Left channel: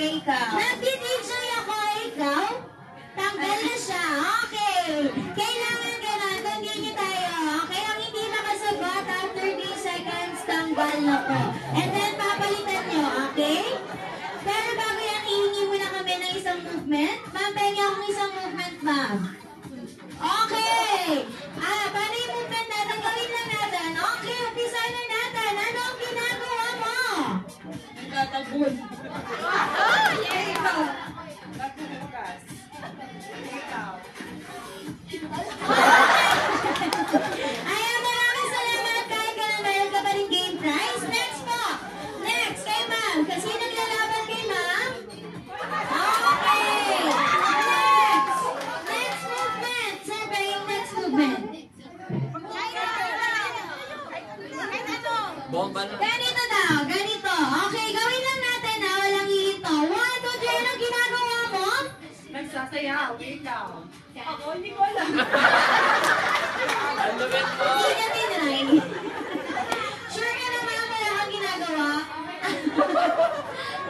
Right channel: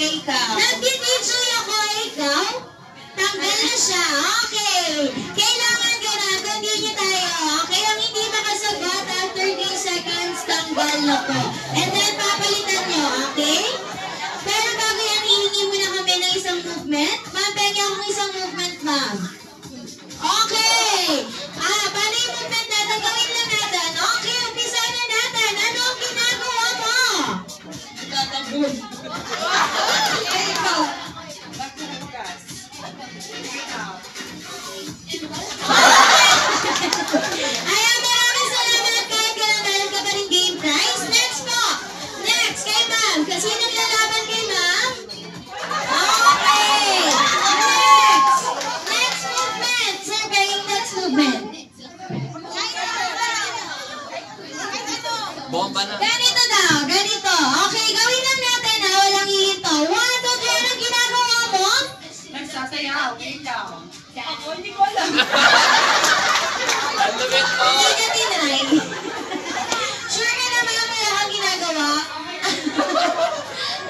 kay ikaw. Nag-DJ ako, ikaw? Tanggal na siya. Okay. Kailangan ganun. Continue tayo. Okay, ang hindi makasagot after 3 seconds, tanggal na po. And then, papalitan nyo. Okay? Pero bago yan, hihingi muna kami ng isang movement. Ma'am, pengi akong isang movement, ma'am. Okay. Paano yung movement natin? Gawin lang natin. Okay, umpisa na natin. Ano ang ginagawa mo? Tatabun. Ikaw. Bagbukas. Ikaw. Ayan, maraming salamat kahit kailan dahil ka pa rin game prize. Next po. Next, kay ma'am. Kasi naglalaban kay ma'am. Okay. Next. Next movement. Sir, ba yung next movement? Bomba na. Ganito daw. Ganito. Okay, gawin lang natin ha. Walang hihito. 1, 2, 3. Anong ginagawa mo? Nagsasayaw. Ikaw. Ako, hindi ko alam. Ang lumit mo. Hindi ka tinry. Sure ka naman ang wala kang ginagawa?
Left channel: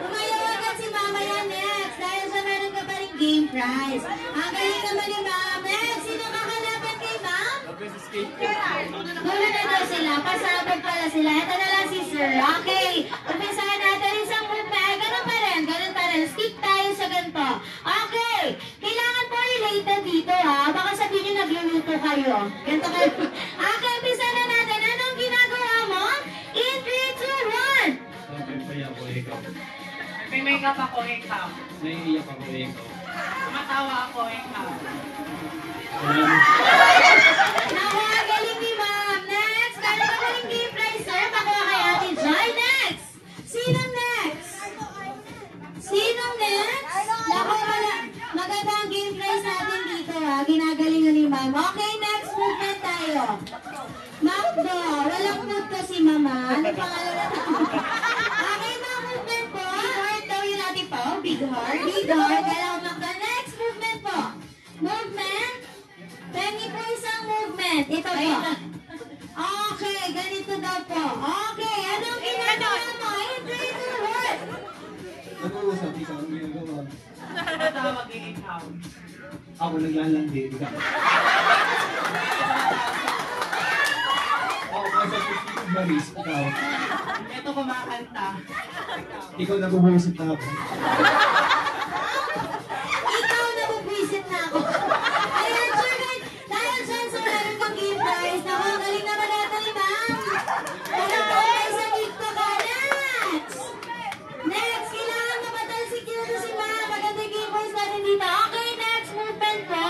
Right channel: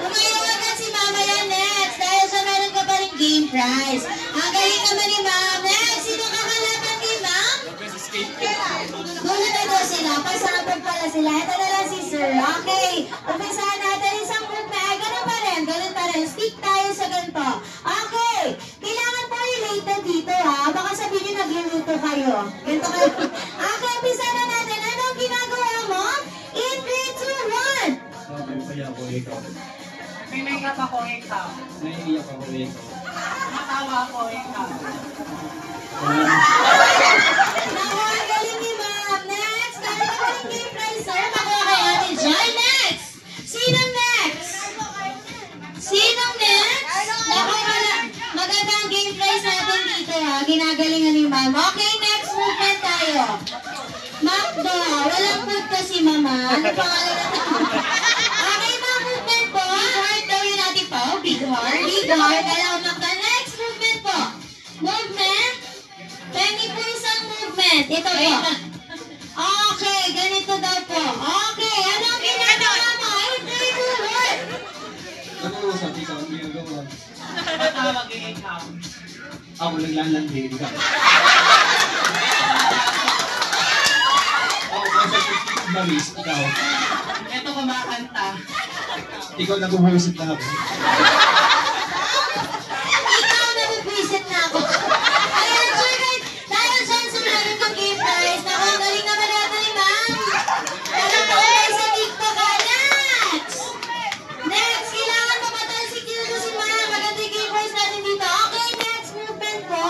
Umayawan ka si Mama yan next. Dahil sa meron ka pa rin game prize. Ang galing naman ni Ma'am. Next, sino kakalaban kay Ma'am? Gulat na daw sila. Pasabog pala sila. Ito na lang si Sir. Okay. Umpisahan natin isang movement. Ganun pa rin. Ganun pa rin. Stick tayo sa ganito. Okay. Kailangan po related dito ha. Baka sabihin nyo nagluluto kayo. Ganito kayo. Okay. Umpisahan na natin. Anong ginagawa mo? In 3, 2, 1. Nagpapaya ako ikaw. May makeup ako, ikaw. Naiiyak ako ikaw. Matawa ako, ikaw. Naku, ang galing ni Ma'am. Next. Kaya pa rin game prize, sir. Makuha kay Ate Joy. Next. Sino next? Sino next? Naku, maganda ang game prize natin dito ha. Ginagalingan ni Ma'am. Okay, next movement tayo. Macdo. Walang food kasi, Mama. Ano pangalan na ito? Okay, Ma'am, movement po. Big heart daw yun natin po. Big heart. Big heart. Alam, Macdo. Next movement po. Movement. Pengi po isang movement. Ito po. Okay, ganito daw po. Okay, ano ang ginagawa mo? Ay, 3, 2, 1. Nag-uusap ikaw ang ginagawa. Matawag yung ikaw. Ako naglalandi, ikaw. Ako nasa baris, ikaw. Ito kumakanta. Ikaw nag-uwisit na ako. Ikaw na bubwisit na ako. Ayan, sir, dahil dyan sa meron kong game prize, naku, ang galing naman natin ni Ma'am. Parang okay sa TikTok ka. Next! Next, kailangan mabatal si Kildo si Ma'am. Maganda yung game prize natin dito. Okay, next movement po.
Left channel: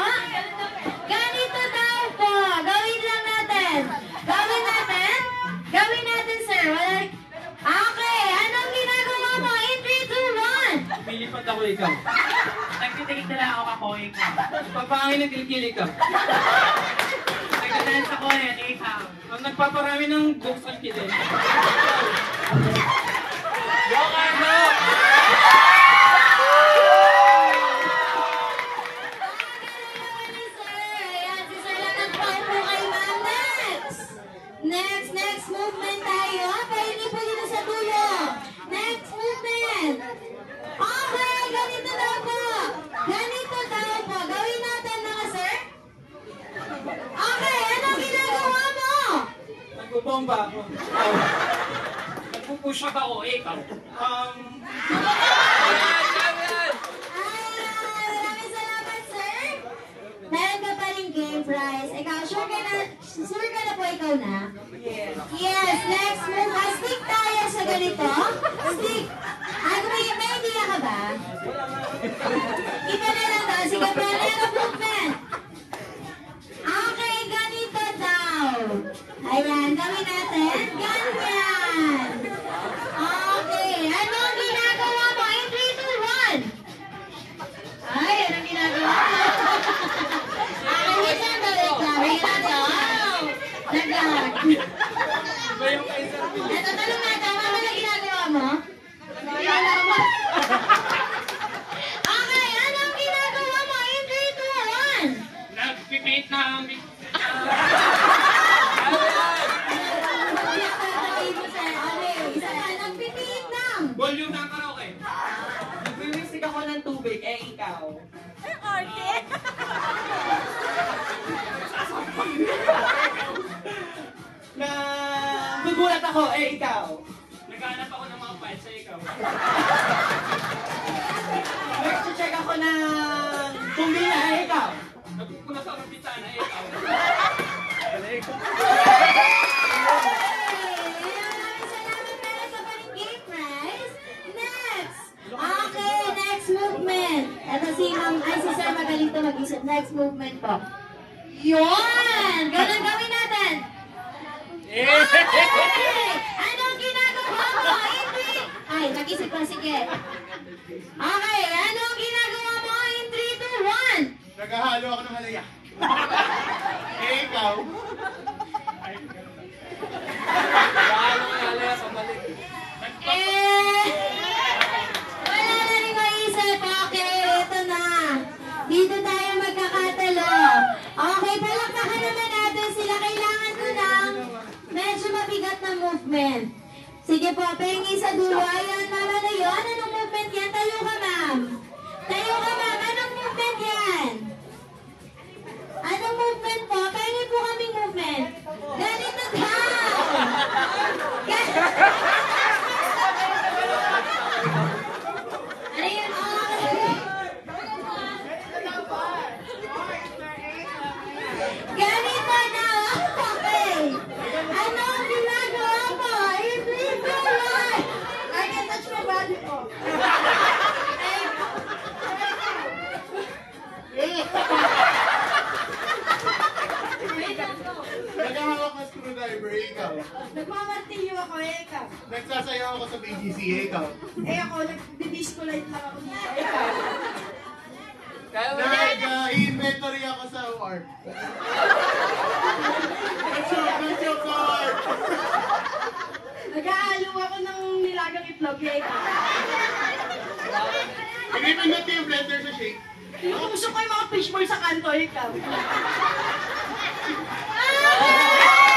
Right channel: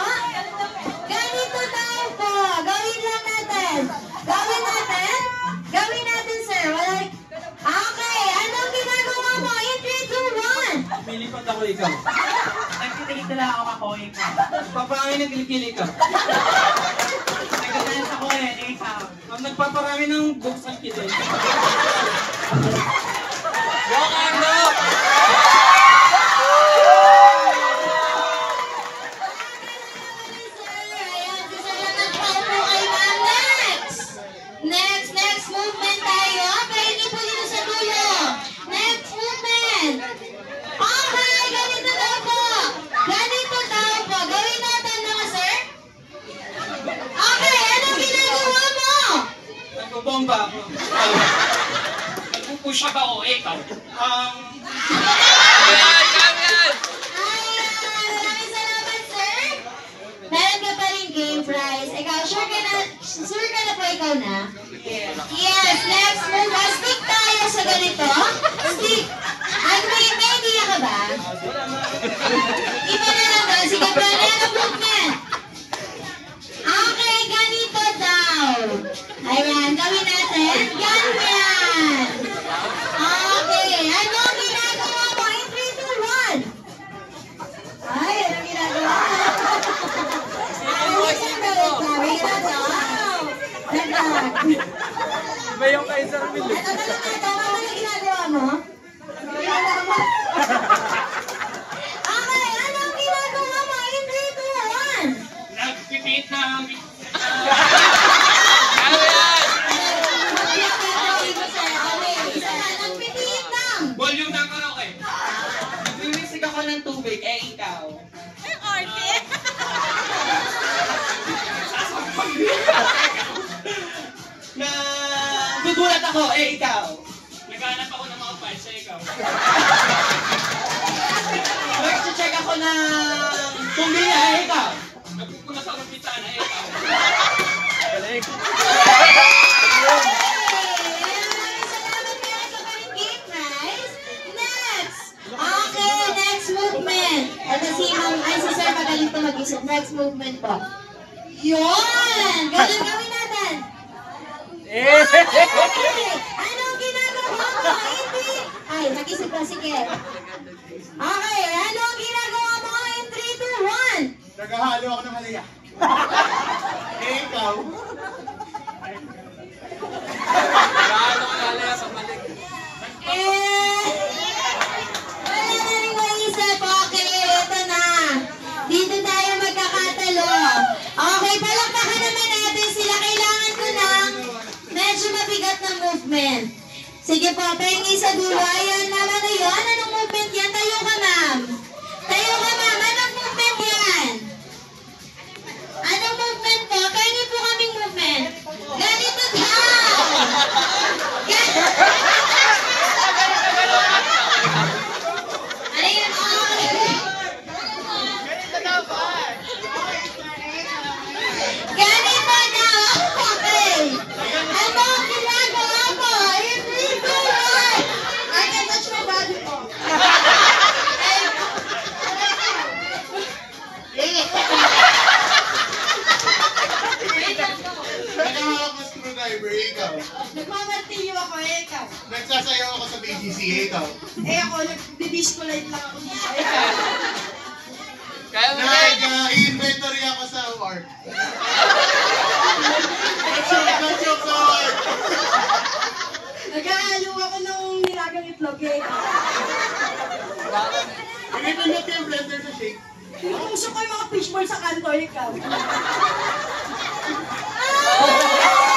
Ganito daw po. Gawin lang natin. Gawin natin? Gawin natin, sir. Wala. Okay, anong ginagawa mo? In 3, 2, 1. Pilipat ako ikaw. Nagtitigit na lang ako, ikaw. Papangin na kilikili ka. Nagdadance ako, ikaw. Ang nagpaparami ng jokes ang kitin. Yung ano? Next movement tayo. Pahingi po dito sa dulo. Next movement. Okay, ganito daw po. Ganito daw po. Gawin natin mga sir. Okay, anong ginagawa mo? Nagbobomba ako. Ikaw. Nagpupush up ako, ikaw. Maraming salamat, sir. Meron ka pa rin game prize. Ikaw, sure ka na po ikaw na? Yes, next move. Stick tayo sa ganito. Stick. Ay, may idea ka ba? Iba na lang daw. Sige, pero movement. Okay, ganito daw. Ayan, gawin natin. Ganyan. Okay, ano ang ginagawa mo? In 3, 2, 1. Ay, anong ginagawa mo? Isang balik na. May ginagawa. Naglag. Iba yung kaisang bilis. Ito ka naman. Tama ba na ginagawa mo? Ginagawa mo. Okay, ano ang ginagawa mo? In 3, 2, 1. Nagpipit na ang... Volume Volume ng karaoke. Nagulat ako, ikaw. Naghahanap ako ng mga files sa ikaw. Nag-check ako ng kumbina, ikaw. Nagpupunas ako ng pizza na ikaw. Okay, next movement. Ito si Ma'am, ay si Sir magaling to mag-isip. Next movement po. Yun! Ganun gawin natin. Okay! Anong ginagawa mo? Hindi! Ay, mag-isip ko, sige. Okay, anong ginagawa mo in 3, 2, 1? Naghahalo ako ng halaya. Ikaw. Naghahanap sa mali. Wala na rin maisip. Okay, ito na. Dito tayo magkakatalo. Okay, palakpakan naman natin sila. Kailangan ko ng medyo mabigat na movement. Sige po, pengi sa dulo. Ayan, ma'am, ano yun? Anong movement yan? Tayo ka, ma'am. Tayo ka, ma'am. Anong movement yan? Anong movement po? Pengi po kaming movement. Ganito daw. Ano yun? Ganito na. Okay. Ano ang ginagawa mo? Hindi ko yan. I can touch my body po. Naghahawak ng screwdriver, ikaw. Nagmamartilyo ako, ikaw. Nagsasayaw ako sa BGC, ikaw. Ako, nag-disco light lang ako dito, ikaw. Kaya mo yan. Nag-inventory ako sa work. Nag-joke sa work. Nag-aalo ako ng nilagang itlog, ikaw. Pinipindot yung blender sa shake. Pinuusok ko yung mga fishball sa kanto, ikaw. Ah!